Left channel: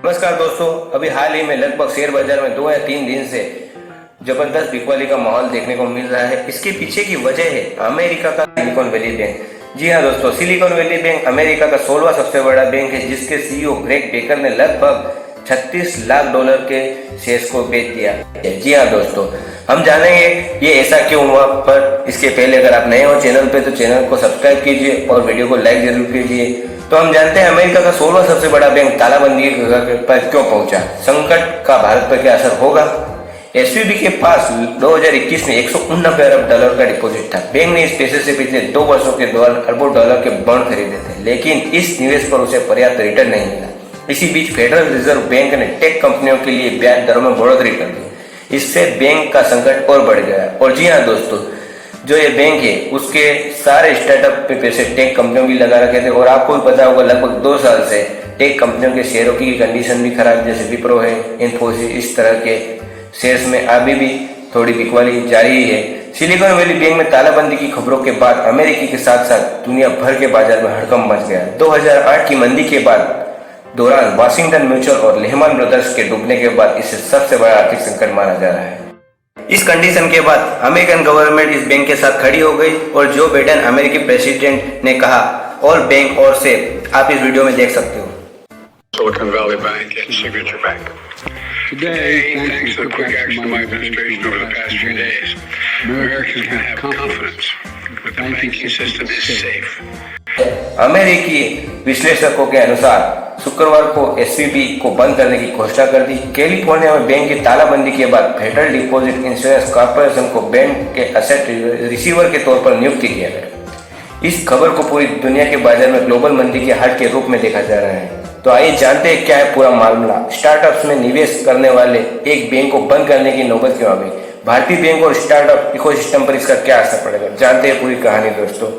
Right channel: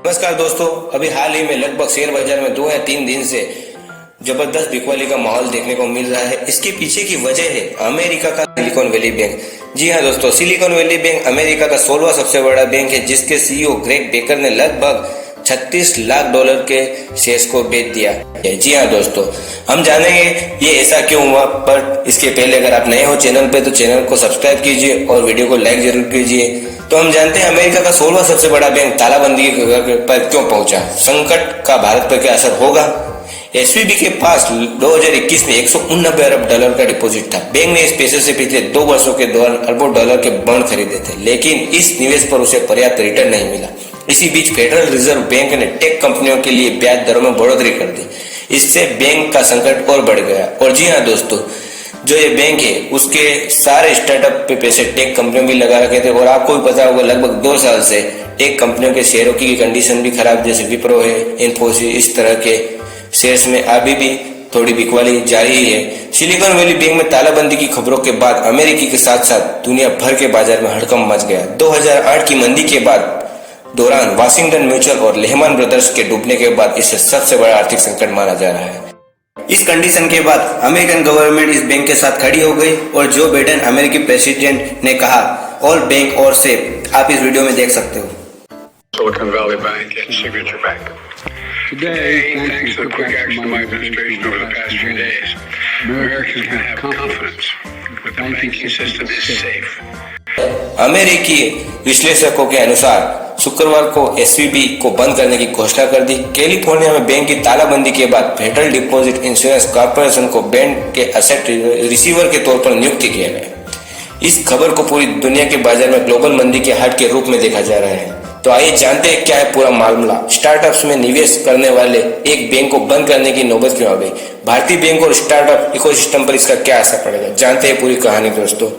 नमस्कार दोस्तों, अभी हाल ही में लगभग शेयर बाजार में 2 या 3 दिन से जबरदस्त बिकवाली का माहौल देखने को मिल रहा है। इसके पीछे की वजह है अमेरिका का सिलिकॉन वैली बैंक। जी हाँ दोस्तों, सिलिकॉन वैली बैंक अमेरिका का 16वां सबसे बड़ा बैंक है, जिसके सीईओ ग्रेग बेकर ने लगभग $36 लाख के शेयर्स को बेच दिया। जी हाँ दोस्तों, हम जानेंगे ये ऐसा क्यों हुआ। पर इसके पहले अगर आप नए हो चैनल पे तो चैनल को सब्सक्राइब कीजिए और वीडियो को लाइक जरूर कीजिए। तो हम जानते हैं अमेरिका का 16वां सबसे बड़ा बैंक तालाबंदी पर क्यों पहुंचा, संकट का भारत पर क्या असर होगा। एसवीबी के पास 2021 में $189 अरब का डिपॉजिट था। बैंक ने इस पैसे से पिछले 2 वर्षों के दौरान अरबों डॉलर के बॉन्ड खरीदे थे, लेकिन इस निवेश पर उसे पर्याप्त रिटर्न नहीं मिला। इसी बीच फेडरल रिजर्व बैंक ने टेक कंपनियों के लिए ब्याज दरों में बढ़ोतरी कर दी। इससे बैंक का संकट और बढ़ गया। और जी हाँ दोस्तों, जो ये बैंक है उसके सारे स्टार्टअप पे पैसे टेक कंपनियों भी लगा रखे थे। और आपको भी पता होगा लगभग 2 साल से टेक कंपनियों के शेयरों की कंडीशन भी खराब, जैसे विप्रो है, इन्फोसिस, इस तरह के शेयर्स में अभी भी थोड़ी बिकवाली जारी ही है। सिलिकॉन वैली बैंक में तालाबंदी की खबरों के बाद अमेरिकी के साथ साथ दुनिया भर के बाजार में हड़कंप मच गया। 2008 की मंदी के बाद दौरान वाशिंगटन म्यूचुअल और लेहमैन ब्रदर्स के डूबने के बाद इसे सबसे बड़ा आर्थिक संकट माना जा रहा है। इस कंडीशन के बाद अमेरिकन गवर्नमेंट इस बैंक के साथ खड़ी हो गई और जो बाइडेन अमेरिकी प्रेसिडेंट ने कहा ऑल बैंक और सेफ, आप इस वीडियो में देख सकते हो। Silicon Valley Bank and Signature Bank. Today, Thanks to the quick action of my administration over the past few days, Americans can have confidence that the banking system is safe. अमेरिकी विश्लेषकों के अनुसार शुक्रवार को एसवीबी को बंद करने की घोषणा कर दी। कैलिफोर्निया में बैंक की तालाबंदी के बाद फेडरल डिपॉजिट इंश्योरेंस कॉर्पोरेशन को बैंक के एसेट रिसीवर के तौर पर नियुक्त किया गया। इस खबर को पूरी दुनिया के बाजार में ग्लोबल मंदी के हट के रूप में देखा जा रहा है। तो आइए जानते हैं क्या है पूरा मामला। स्टार्टअप्स में निवेश करने वाले एक बैंक को बंद करने की नौबत क्यों आ गई, भारतीय बैंक और स्टार्टअप इकोसिस्टम पर इसका क्या असर पड़ेगा, जानते हैं पूरी कहानी दोस्तों।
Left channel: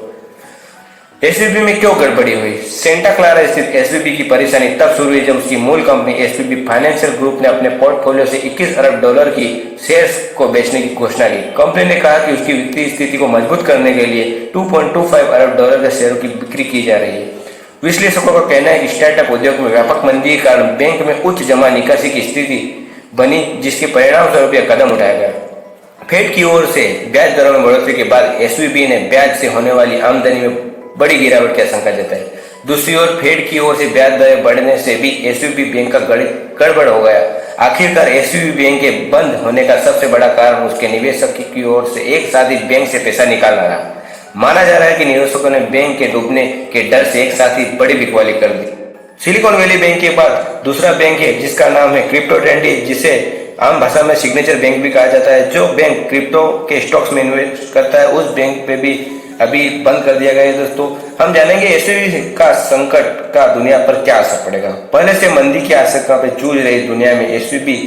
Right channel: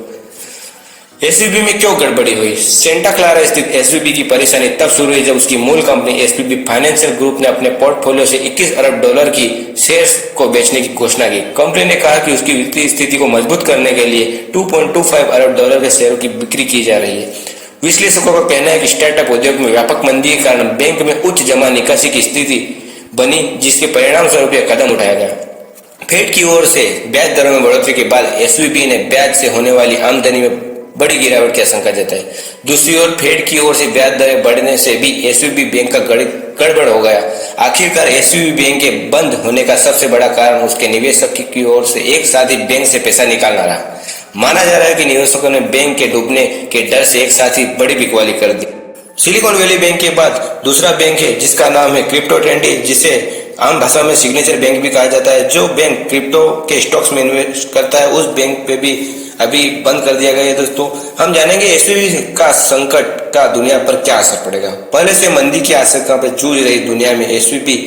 एसवीबी में क्यों गड़बड़ी हुई। सेंटा क्लारा स्थित एसवीबी की परेशानी तब शुरू हुई जब उसकी मूल कंपनी एसवीबी फाइनेंशियल ग्रुप ने अपने पोर्टफोलियो से $21 अरब की शेयर्स को बेचने की घोषणा की। कंपनी ने कहा कि उसकी वित्तीय स्थिति को मजबूत करने के लिए $2.25 अरब के शेयरों की बिक्री की जा रही है। विश्लेषकों का कहना है कि स्टार्टअप उद्योग में व्यापक मंदी के कारण बैंक में उच्च जमा निकासी की स्थिति बनी, जिसके परिणाम स्वरूप यह कदम उठाया गया। फेड की ओर से ब्याज दरों में बढ़ोतरी के बाद एसवीबी ने ब्याज से होने वाली आमदनी में बड़ी गिरावट की आशंका जताई। दूसरी ओर फेड की ओर से ब्याज दरें बढ़ने से भी एसवीबी बैंक का गड़बड़ हो गया। आखिरकार एसवीबी बैंक के बंद होने का सबसे बड़ा कारण उसके निवेशक की ओर से एक साथ ही बैंक से पैसा निकालना रहा। माना जा रहा है कि निवेशकों ने बैंक के डूबने के डर से एक साथ ही बड़ी बिकवाली कर दी। सिलिकॉन वैली बैंक के बाद दूसरा बैंक है जिसका नाम है क्रिप्टो ट्रेंडी, जिसे आम भाषा में सिग्नेचर बैंक भी कहा जाता है। जो बैंक क्रिप्टो के स्टॉक्स में इन्वेस्ट करता है उस बैंक पे भी अभी बंद कर दिया गया है। दोस्तों हम जानेंगे एसवीबी का संकट का दुनिया पर क्या असर पड़ेगा। पहले से मंदी की आशंका पे जूझ रही दुनिया में एसवीबी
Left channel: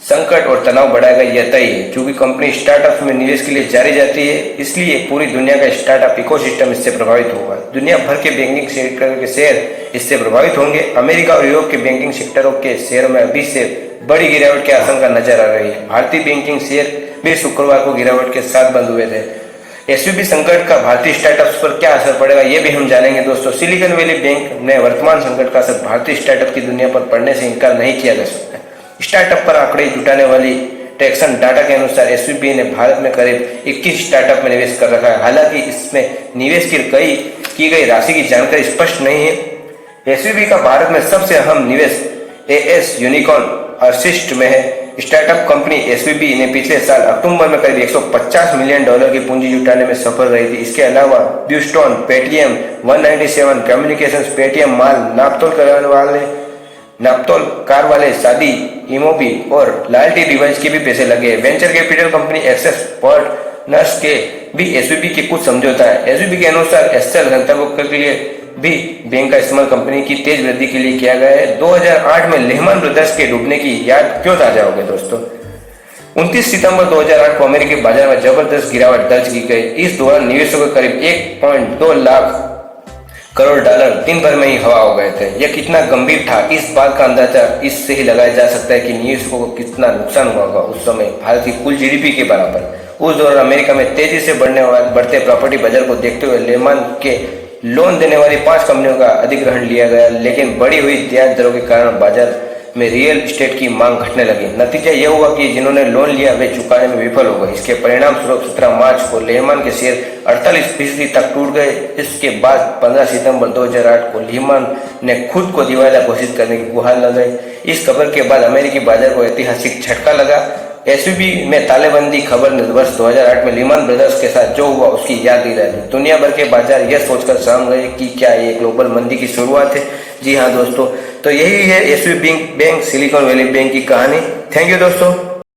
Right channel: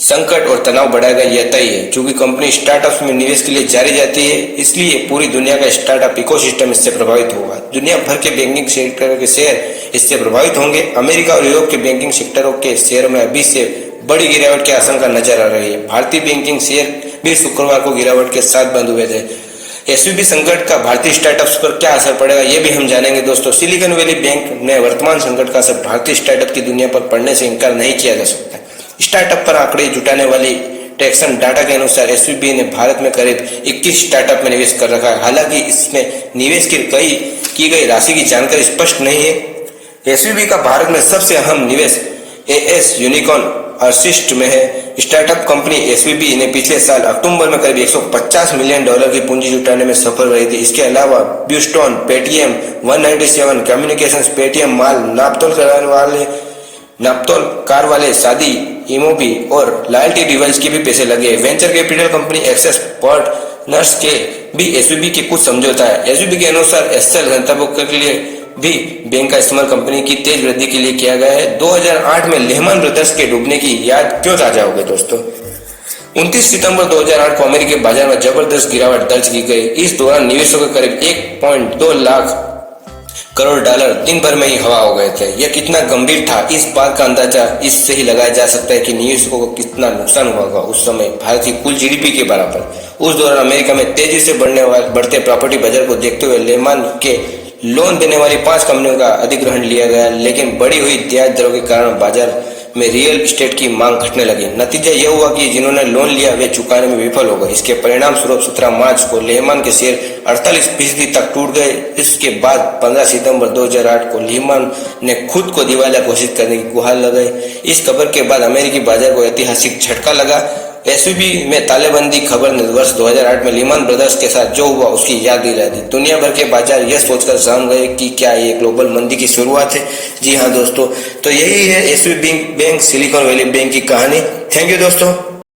संकट और तनाव बढ़ाएगा यह तय है। चूंकि कंपनी स्टार्टअप्स में निवेश के लिए जारी जाती है, इसलिए पूरी दुनिया का स्टार्टअप इकोसिस्टम इससे प्रभावित होगा। दुनिया भर के बैंकिंग सेक्टर के शेयर इससे प्रभावित होंगे। अमेरिका और यूरोप के बैंकिंग सेक्टरों के शेयर में अभी से बड़ी गिरावट की आशंका नजर आ रही है। भारतीय बैंकिंग शेयर भी शुक्रवार को गिरावट के साथ बंद हुए थे। एसवीबी संकट का भारतीय स्टार्टअप्स पर क्या असर पड़ेगा ये भी हम जानेंगे दोस्तों। सिलिकॉन वैली बैंक में वर्तमान संकट का असर भारतीय स्टार्टअप की दुनिया पर पड़ने से इनकार नहीं किया जा सकता। स्टार्टअप पर आंकड़े जुटाने वाली ट्रैक्शन डाटा के अनुसार एसवीबी ने भारत में करीब 21 स्टार्टअप में निवेश कर रखा है। हालांकि इसमें निवेश की गई राशि की जानकारी स्पष्ट नहीं है। एसवीबी का भारत में सबसे अहम निवेश एएस यूनिकॉर्न अर्सिस्ट में है। स्टार्टअप कंपनी एसवीबी ने पिछले साल अक्टूबर में करीब $150 मिलियन की पूंजी जुटाने में सफल रही थी। इसके अलावा ब्यूस्टोन, पेटीएम, 197 कम्युनिकेशंस, पेटीएम माल, नापतोल कार वाले, शादी, इमोबी और लॉयल्टी डिवाइस के भी पैसे लगे। Venture capital company Accel partners के भी एसवीबी के कुछ समझौता है। एसवीबी के अनुसार एसएल गंतव्यों के लिए भी बैंक का इस्तेमाल कंपनी की तेज वृद्धि के लिए किया गया है। 2008 में लेहमैन ब्रदर्स के डूबने की याद क्यों ताजा हो गई दोस्तों। 29 सितंबर 2008 को अमेरिकी बाजार में जबरदस्त गिरावट दर्ज की गई। इस दौरान निवेशकों के करीब $1.2 लाख करोड़ दिन भर में ही हवा हो गए थे। यह कितना गंभीर था इस बात का अंदाजा इससे ही लगाया जा सकता है कि निवेशकों को कितना नुकसान हुआ होगा। उस समय भारत की कुल जीडीपी के बराबर। उस दौरान अमेरिका में तेजी से बढ़ते प्रॉपर्टी बाजार को देखते हुए लेहमैन के लोन देने वाली 5 कंपनियों का अधिग्रहण लिया गया, लेकिन बढ़ी हुई ब्याज दरों के कारण बाजार में रियल एस्टेट की मांग घटने लगी। नतीजा यह हुआ कि जिन्होंने लोन लिया वे चुकाने में विफल हो गए। इसके परिणाम स्वरूप 17 मार्च को लेहमान के शेयर 48% तक टूट गए। इसके बाद 15 सितंबर 2008 को लेहमान ने खुद को दिवालिया घोषित करने की गुहार लगाई। इस खबर के बाद अमेरिकी बाजार को ऐतिहासिक झटका लगा। एसवीबी में तालेबंदी खबर ने वर्ष 2008 में लेहमान ब्रदर्स के साथ जो हुआ उसकी याद दिला दी। दुनिया भर के बाजार यह सोचकर सहम गए कि क्या ये ग्लोबल मंदी की शुरुआत है। जी हाँ दोस्तों, तो यही है SVB bank, silicon valley bank की कहानी। थैंक यू दोस्तों।